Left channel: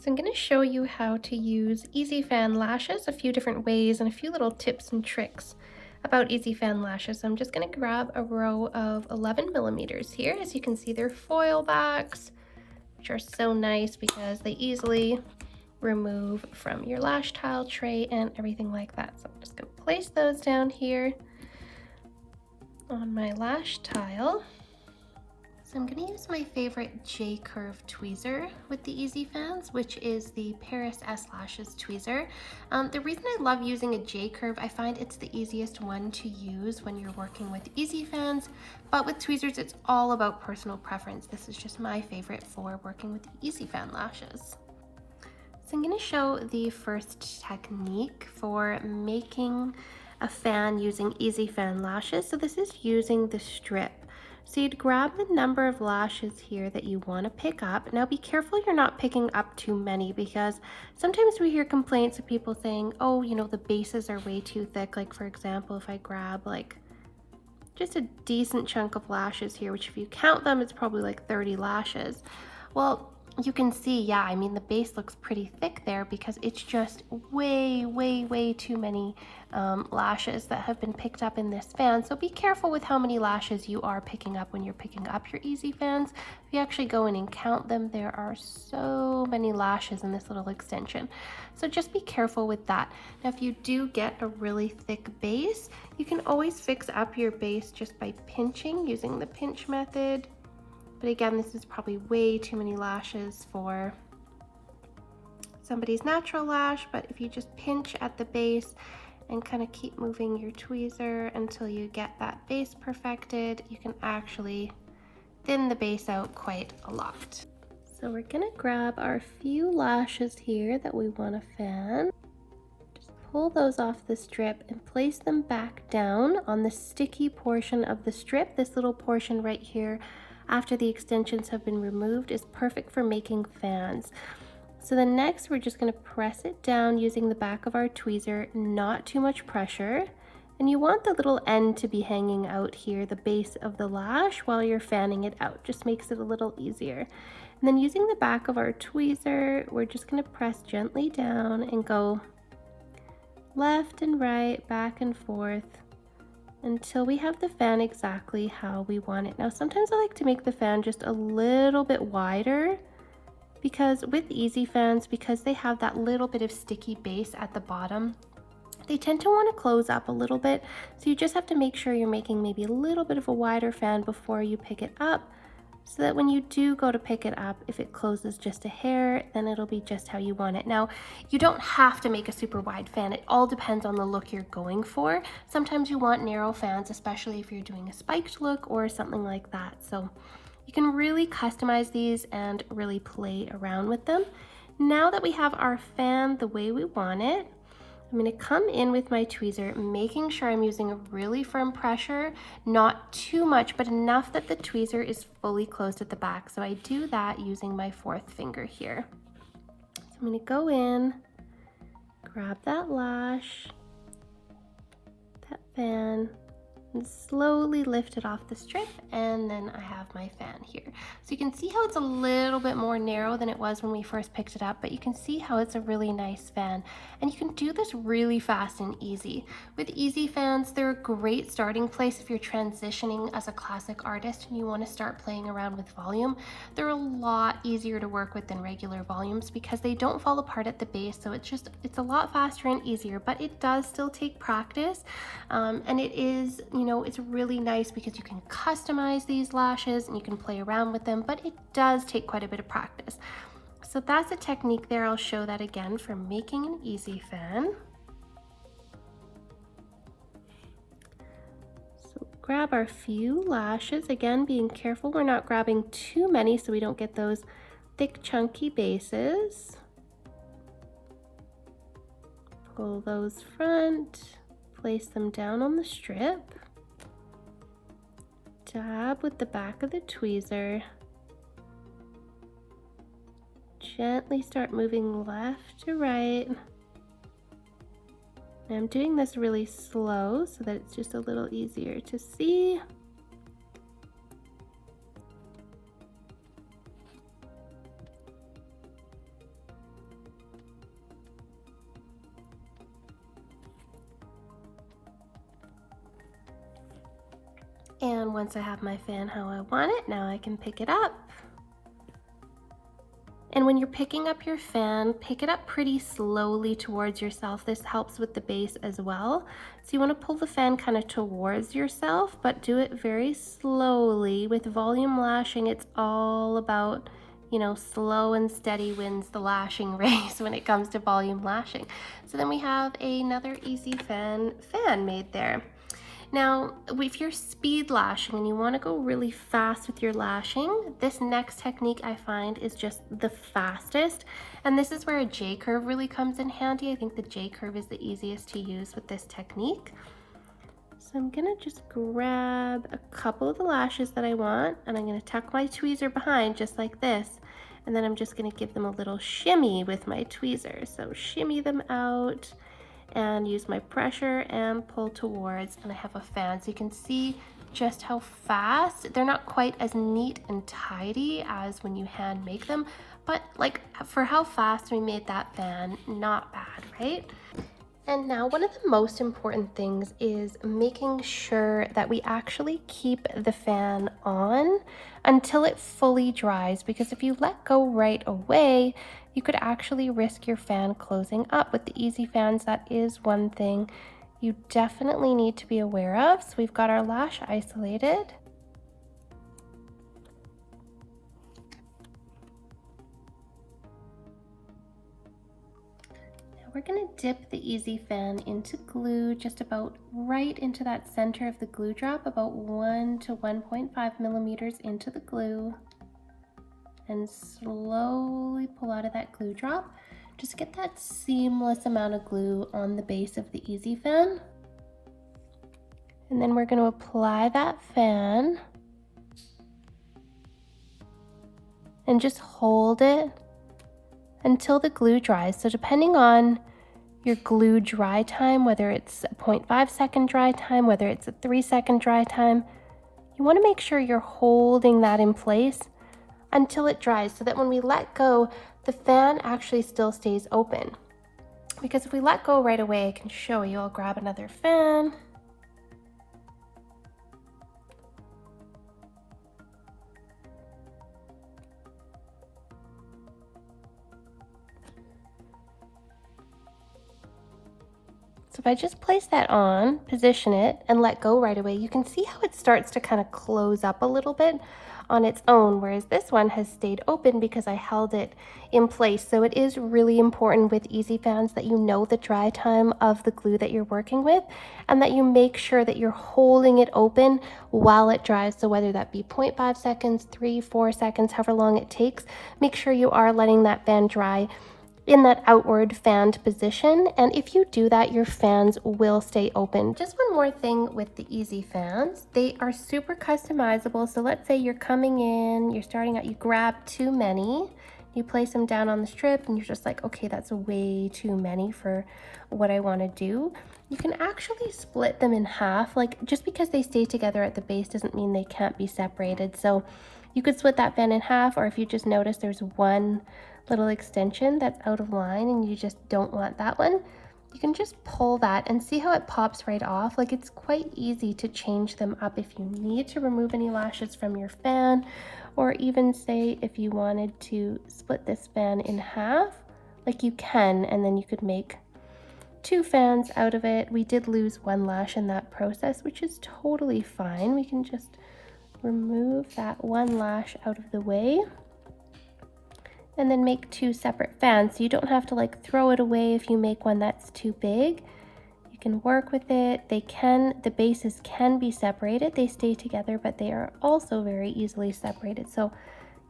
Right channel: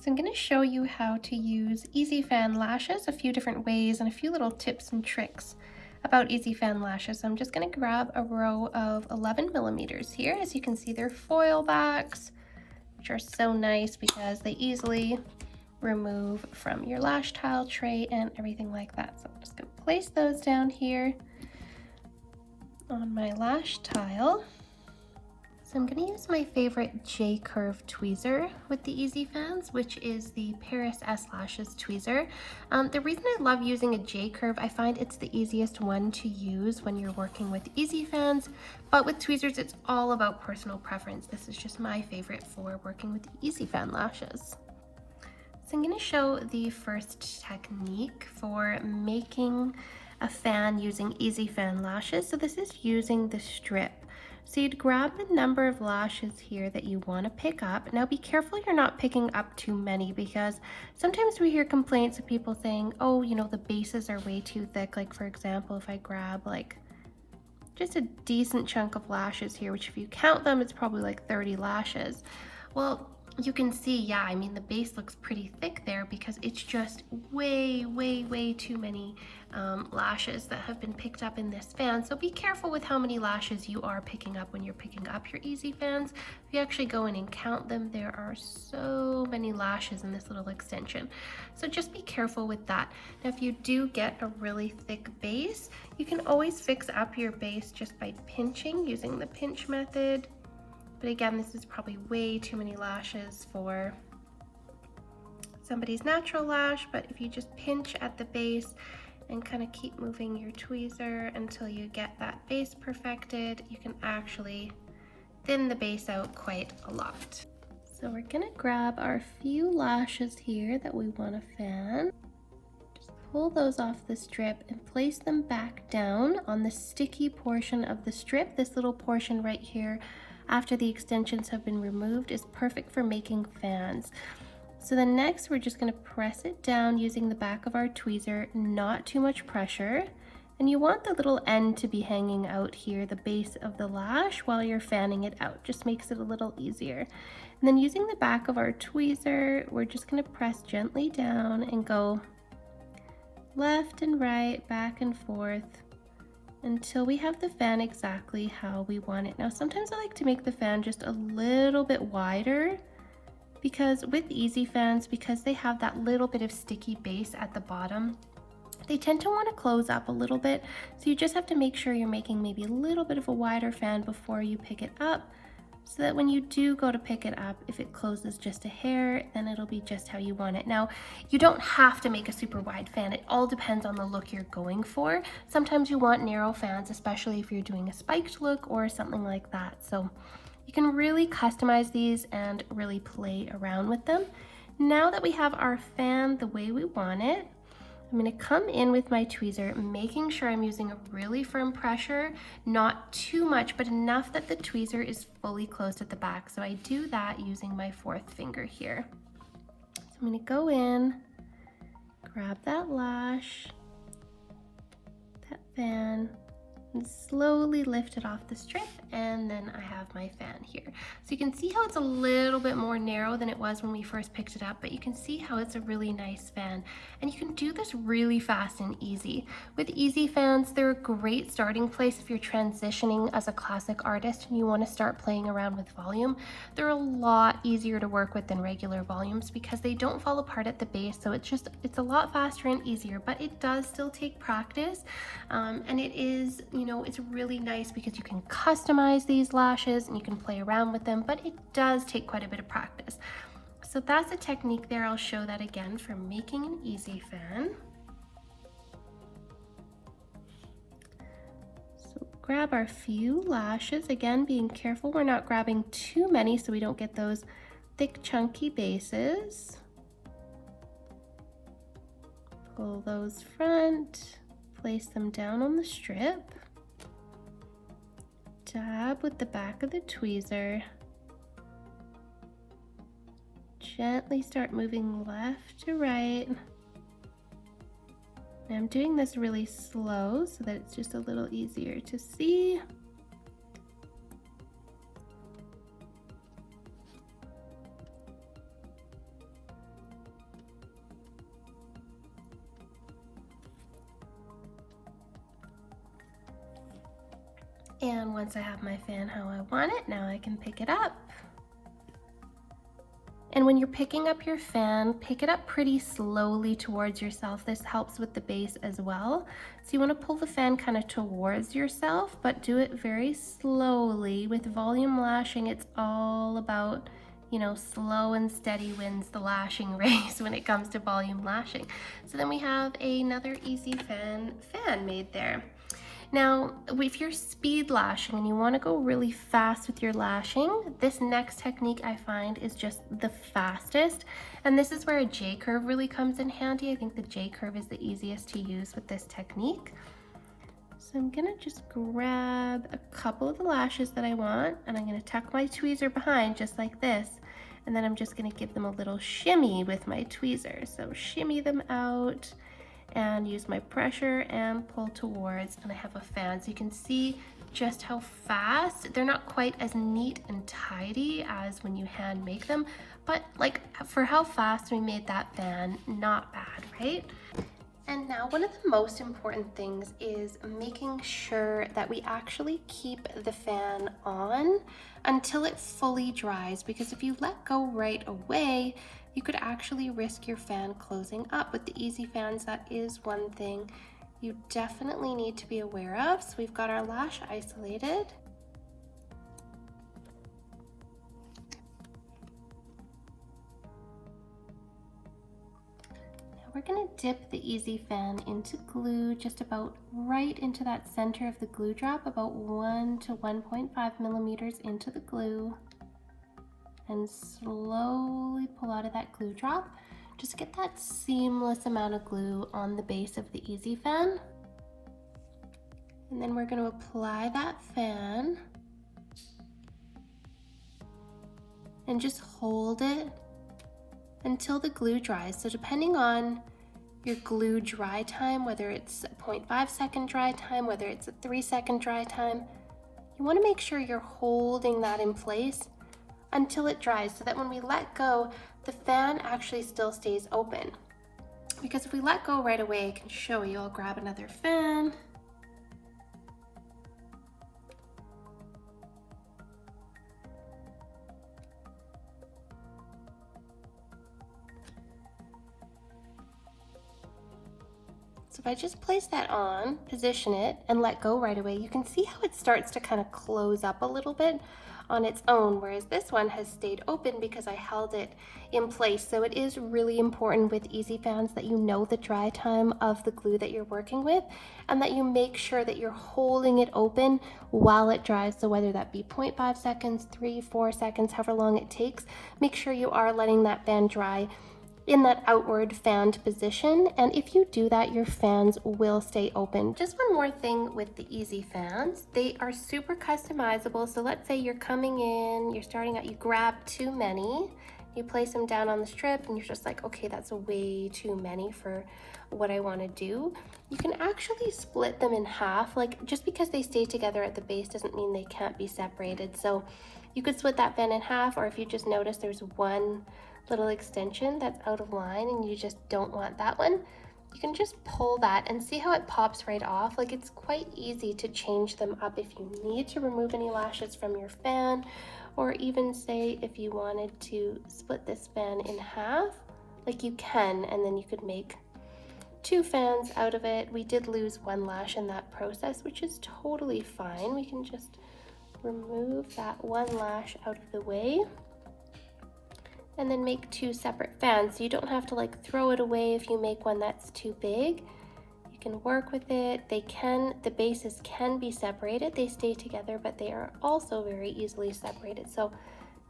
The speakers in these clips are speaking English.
So I'm going to show you how to use Easy Fan lashes, a few different ways and a few little tips and tricks about Easy Fan lashes. So I'm just going to grab a row of 11 millimeters here. As you can see, they're foil backs, which are so nice because they easily remove from your lash tile tray and everything like that. So I'm just going to place those down here on my lash tile. So I'm going to use my favorite J-curve tweezer with the Easy Fans, which is the Paris ESLASHES tweezer. The reason I love using a J-curve, I find it's the easiest one to use when you're working with Easy Fans, but with tweezers it's all about personal preference. This is just my favorite for working with the Easy Fan lashes. So I'm going to show the first technique for making a fan using Easy Fan lashes. So this is using the strip. So you'd grab the number of lashes here that you want to pick up. Now be careful you're not picking up too many, because sometimes we hear complaints of people saying, oh, you know, the bases are way too thick. Like for example, if I grab like just a decent chunk of lashes here, which if you count them, it's probably like 30 lashes. Well, you can see, yeah, I mean, the base looks pretty thick there because it's just way too many lashes that have been picked up in this fan. So be careful with how many lashes you are picking up when you're picking up your Easy Fans. If you actually go in and count them, there are so many lashes in this little extension. So just be careful with that. Now, if you do get a really thick base, you can always fix up your base just by pinching using the pinch method. But again, this is probably way too many lashes for somebody's natural lash, but if you just pinch at the base and kind of keep moving your tweezer until you get that base perfected, you can actually thin the base out quite a lot. So we're gonna grab our few lashes here that we want to fan. Just pull those off the strip and place them back down on the sticky portion of the strip. This little portion right here after the extensions have been removed is perfect for making fans. So then next we're just going to press it down using the back of our tweezer, not too much pressure. And you want the little end to be hanging out here, the base of the lash, while you're fanning it out. Just makes it a little easier. And then using the back of our tweezer, we're just going to press gently down and go left and right, back and forth, until we have the fan exactly how we want it. Now, sometimes I like to make the fan just a little bit wider, because with Easy Fans, because they have that little bit of sticky base at the bottom, they tend to want to close up a little bit. So you just have to make sure you're making maybe a little bit of a wider fan before you pick it up, so that when you do go to pick it up, if it closes just a hair, then it'll be just how you want it. Now, you don't have to make a super wide fan. It all depends on the look you're going for. Sometimes you want narrow fans, especially if you're doing a spiked look or something like that. So you can really customize these and really play around with them. Now that we have our fan the way we want it, I'm going to come in with my tweezer, making sure I'm using a really firm pressure, not too much, but enough that the tweezer is fully closed at the back. So I do that using my fourth finger here. So I'm going to go in, grab that lash, that fan, and slowly lift it off the strip, and then I have my fan here. So you can see how it's a little bit more narrow than it was when we first picked it up, but you can see how it's a really nice fan. And you can do this really fast and easy. With Easy Fans, they're a great starting place if you're transitioning as a classic artist and you want to start playing around with volume. They're a lot easier to work with than regular volumes because they don't fall apart at the base, so it's a lot faster and easier, but it does still take practice. And it is, you know, it's really nice because you can customize these lashes and you can play around with them, but it does take quite a bit of practice. So that's a technique there. I'll show that again for making an Easy Fan. So grab our few lashes, again being careful we're not grabbing too many so we don't get those thick chunky bases. Pull those front, place them down on the strip, dab with the back of the tweezer, gently start moving left to right. And I'm doing this really slow so that it's just a little easier to see. And once I have my fan how I want it, now I can pick it up. And when you're picking up your fan, pick it up pretty slowly towards yourself. This helps with the base as well. So you want to pull the fan kind of towards yourself, but do it very slowly. With volume lashing, it's all about, you know, slow and steady wins the lashing race when it comes to volume lashing. So then we have another easy fan made there. Now, if you're speed lashing and you want to go really fast with your lashing, this next technique I find is just the fastest. And this is where a J curve really comes in handy. I think the J curve is the easiest to use with this technique. So I'm gonna just grab a couple of the lashes that I want, and I'm gonna tuck my tweezer behind just like this. And then I'm just gonna give them a little shimmy with my tweezer. So shimmy them out and use my pressure and pull towards, and I have a fan. So you can see just how fast. They're not quite as neat and tidy as when you hand make them, but like for how fast we made that fan, not bad, right? And now one of the most important things is making sure that we actually keep the fan on until it fully dries, because if you let go right away, you could actually risk your fan closing up. With the easy fans, that is one thing you definitely need to be aware of. So we've got our lash isolated. We're going to dip the easy fan into glue just about right into that center of the glue drop, about 1 to 1.5 millimeters into the glue, and slowly pull out of that glue drop. Just get that seamless amount of glue on the base of the easy fan. And then we're going to apply that fan and just hold it until the glue dries. So depending on your glue dry time, whether it's a 0.5 second dry time, whether it's a 3 second dry time, you want to make sure you're holding that in place until it dries, so that when we let go, the fan actually still stays open. Because if we let go right away, I can show you. I'll grab another fan. So if I just place that on, position it, and let go right away, you can see how it starts to kind of close up a little bit on its own, whereas this one has stayed open because I held it in place. So it is really important with easy fans that you know the dry time of the glue that you're working with, and that you make sure that you're holding it open while it dries. So whether that be 0.5 seconds, 3, 4 seconds, however long it takes, make sure you are letting that fan dry in that outward fanned position, and if you do that, your fans will stay open. Just one more thing with the easy fans, they are super customizable. So let's say you're coming in, you're starting out, you grab too many, you place them down on the strip, and you're just like, okay, that's way too many for what I want to do. You can actually split them in half. Like, just because they stay together at the base doesn't mean they can't be separated. So you could split that fan in half, or if you just notice there's one little extension that's out of line and you just don't want that one, you can just pull that and see how it pops right off. Like, it's quite easy to change them up if you need to remove any lashes from your fan, or even say if you wanted to split this fan in half, like you can, and then you could make 2 fans out of it. We did lose 1 lash in that process, which is totally fine. We can just remove that 1 lash out of the way and then make 2 separate fans. So you don't have to like throw it away if you make one that's too big. You can work with it. The bases can be separated. They stay together, but they are also very easily separated. So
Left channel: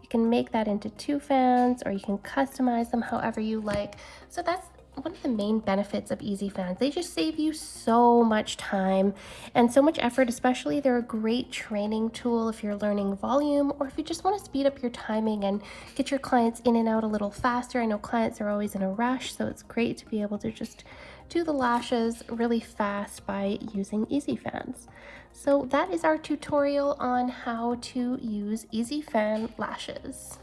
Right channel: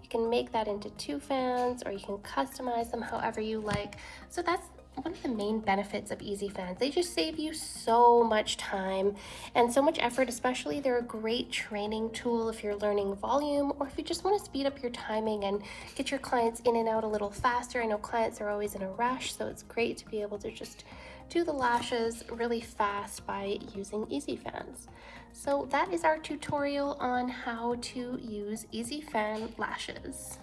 you can make that into 2 fans, or you can customize them however you like. So that's one of the main benefits of easy fans. They just save you so much time and so much effort. Especially they're a great training tool if you're learning volume, or if you just want to speed up your timing and get your clients in and out a little faster. I know clients are always in a rush, so it's great to be able to just do the lashes really fast by using easy fans. So that is our tutorial on how to use easy fan lashes.